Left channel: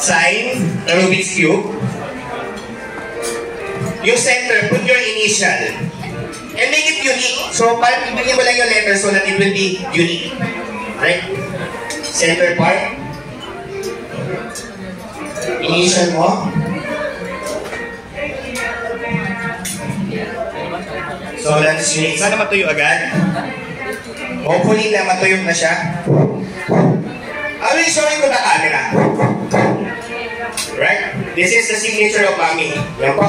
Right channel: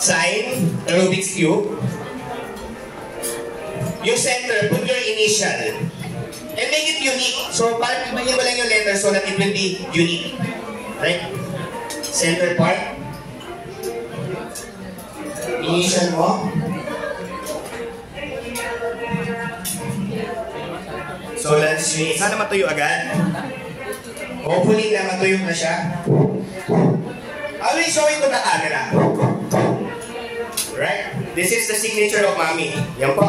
sign, the Rubik's Cube. Yung center, put your initial. And make it unique. So, parang ibigay mo lang yung letter so that it will be unique. Right? Center part. Initial mo. So, that's unique. Sana matuyo agad. Hopefully na matuyo na siya. I will show it to the camera. Right? This is the signature of Mami. Yan po.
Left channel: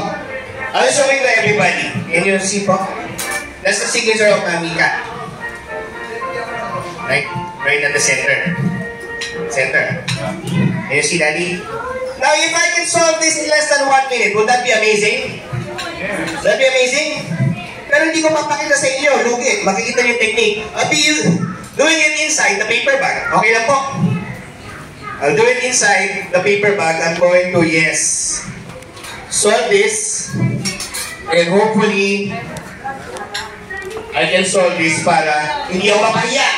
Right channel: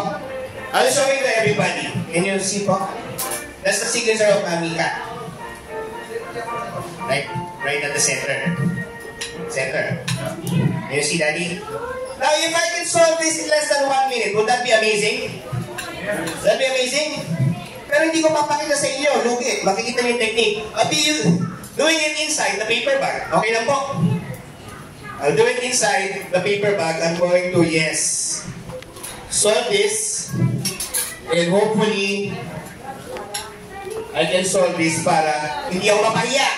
I will show it to everybody. Can you see po? That's the signature of Mami Cat. Right? Right at the center. Center. Can you see, Daddy? Now, if I can solve this in less than 1 minute, would that be amazing? Would that be amazing? Pero hindi ko mapakita sa inyo. Look it. Makikita niyo yung technique. I'll be doing it inside the paper bag. Okay lang po? I'll do it inside the paper bag. I'm going to, yes, solve this. And hopefully, I can solve this para hindi ako mapahiya.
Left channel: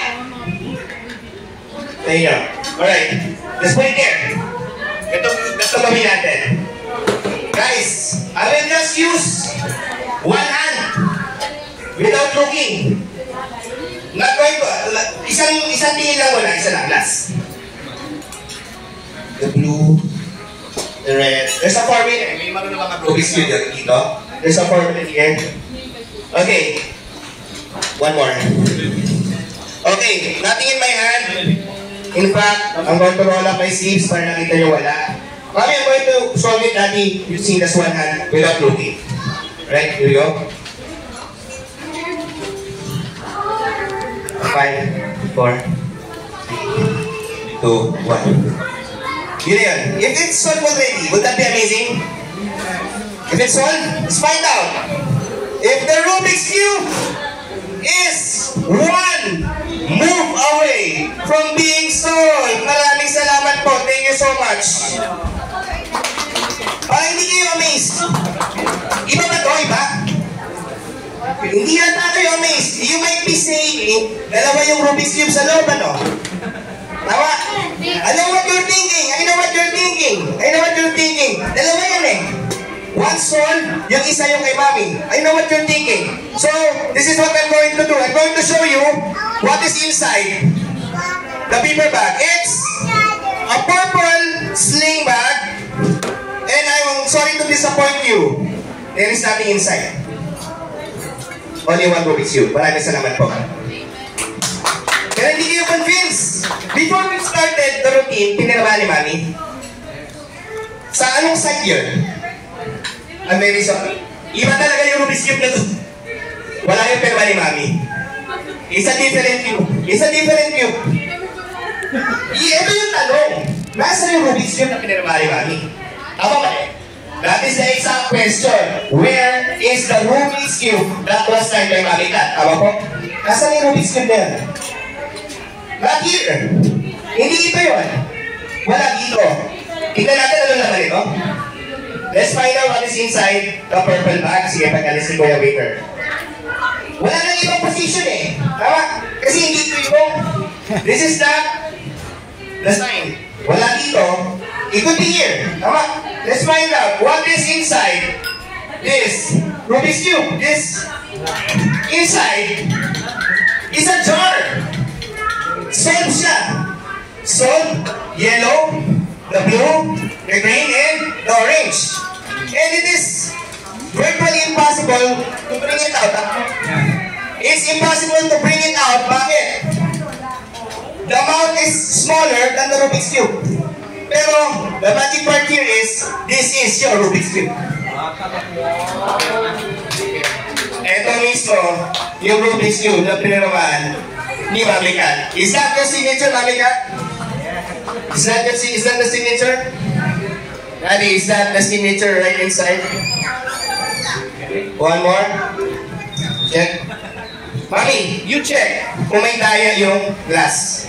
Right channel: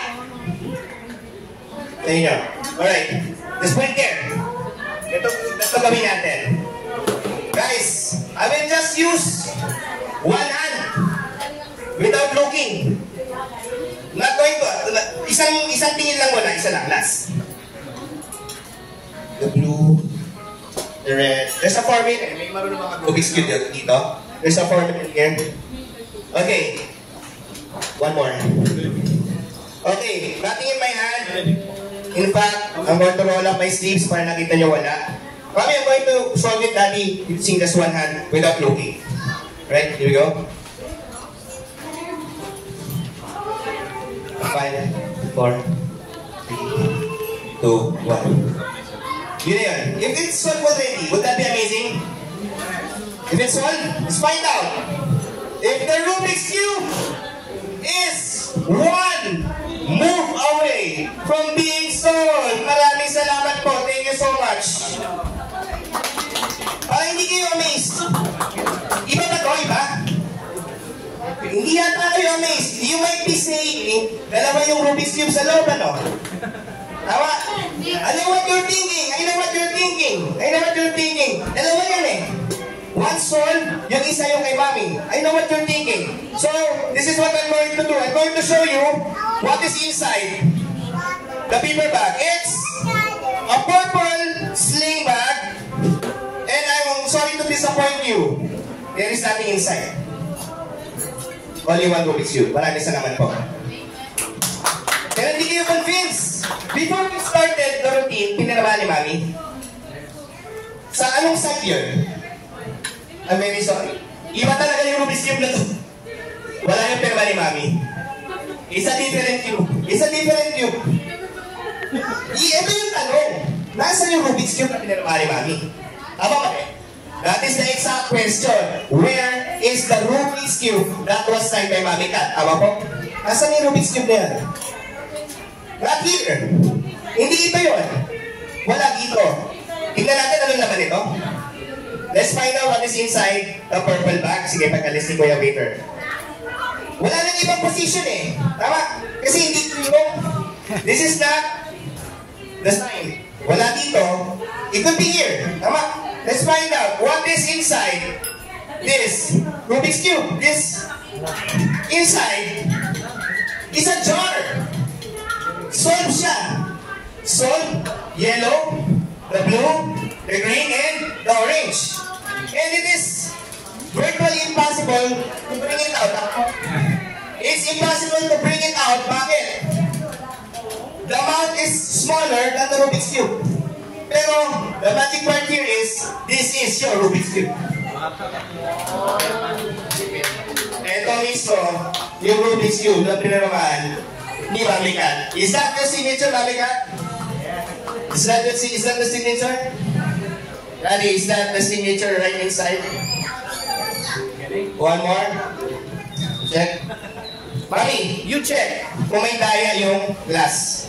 There you go. Alright. Let's put it there. Ito kami natin. Guys, I will just use one hand without looking. Not going to, isang tingin lang muna, isa lang, last. The blue, the red. There's a formula. May marunong mga Rubik's Cube dito. There's a formula here. Okay. One more. Okay, nothing in my hand. In fact, I'm going to roll up my sleeves para nakita nyo wala. Mami, I'm going to solve it, Daddy, using just one hand without looking. Right, here we go. 5, 4, 3, 2, 1. Yun na yun. If it's solved already, would that be amazing? If it's solved, let's find out. If the Rubik's Cube is one move away from being solved. Maraming salamat po. Thank you so much. Para hindi kayo amazed. Iba ba ito? Iba? Hindi yata kayo amazed. You might be saying, dalawa yung Rubik's Cube sa loob, ano? Tama? I know what you're thinking. I know what you're thinking. I know what you're thinking. Dalawa yan eh. One solved, yung isa yung kay Mami. I know what you're thinking. So, this is what I'm going to do. I'm going to show you what is inside the paper bag. It's a purple sling bag. And I'm sorry to disappoint you. There is nothing inside. Only one Rubik's Cube. Maraming salamat po. Pero hindi kayo convinced. Before we started the routine, pinirama ni Mami. Sa anong side yun? I'm very sorry. Iba talaga yung Rubik's Cube na to. Wala yung pirma ni Mami. It's a different cube. It's a different cube. Ito yung tanong. Nasaan yung Rubik's Cube na pinirma ni Mami? Tama ba eh? That is the exact question. Where is the Rubik's Cube that was signed by Mami Cat? Tama po? Nasaan yung Rubik's Cube na yan? Not here. Hindi ito yun. Wala dito. Tingnan natin ano naman ito. Let's find out what is inside the purple bag. Sige, pag-alis ni Kuya Waiter. Wala nang ibang position eh. Tama? Kasi hindi ito yung... This is the sign. Wala dito. It could be here. Tama? Let's find out what is inside this Rubik's Cube. This inside is a jar. Solve siya. Solve, yellow, the blue, the green, and the orange. And it is virtually impossible to bring it out. It's impossible to bring it out. Bakit? The amount is smaller than the Rubik's Cube. Pero, the magic part here is, this is your Rubik's Cube. Ito mismo, yung Rubik's Cube na piniramaan ni Mami Cat. Is that your signature, Mami Cat? Is that the signature? Daddy, is that the signature right inside? One more. Check. Mami, you check kung may daya yung glass.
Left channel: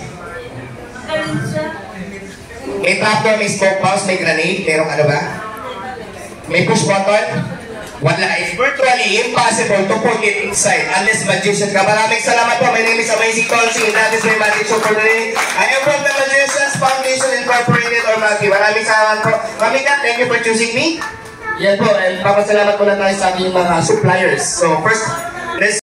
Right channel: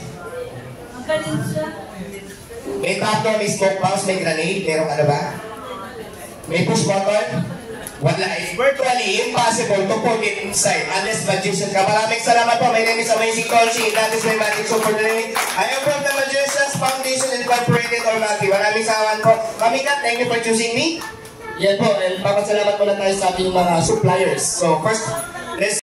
May trapdoor, may smoke box, may grenade, merong ano ba? May push button? Wala. It's virtually impossible to put it inside unless magician ka. Maraming salamat po. My name is Amazing Colsing. That is my magic show for today. I am from the Magicians Foundation Incorporated or Maki. Maraming salamat po. Mami Kat, thank you for choosing me. Yan po, and papasalamat muna tayo sa ating mga suppliers. So first, let's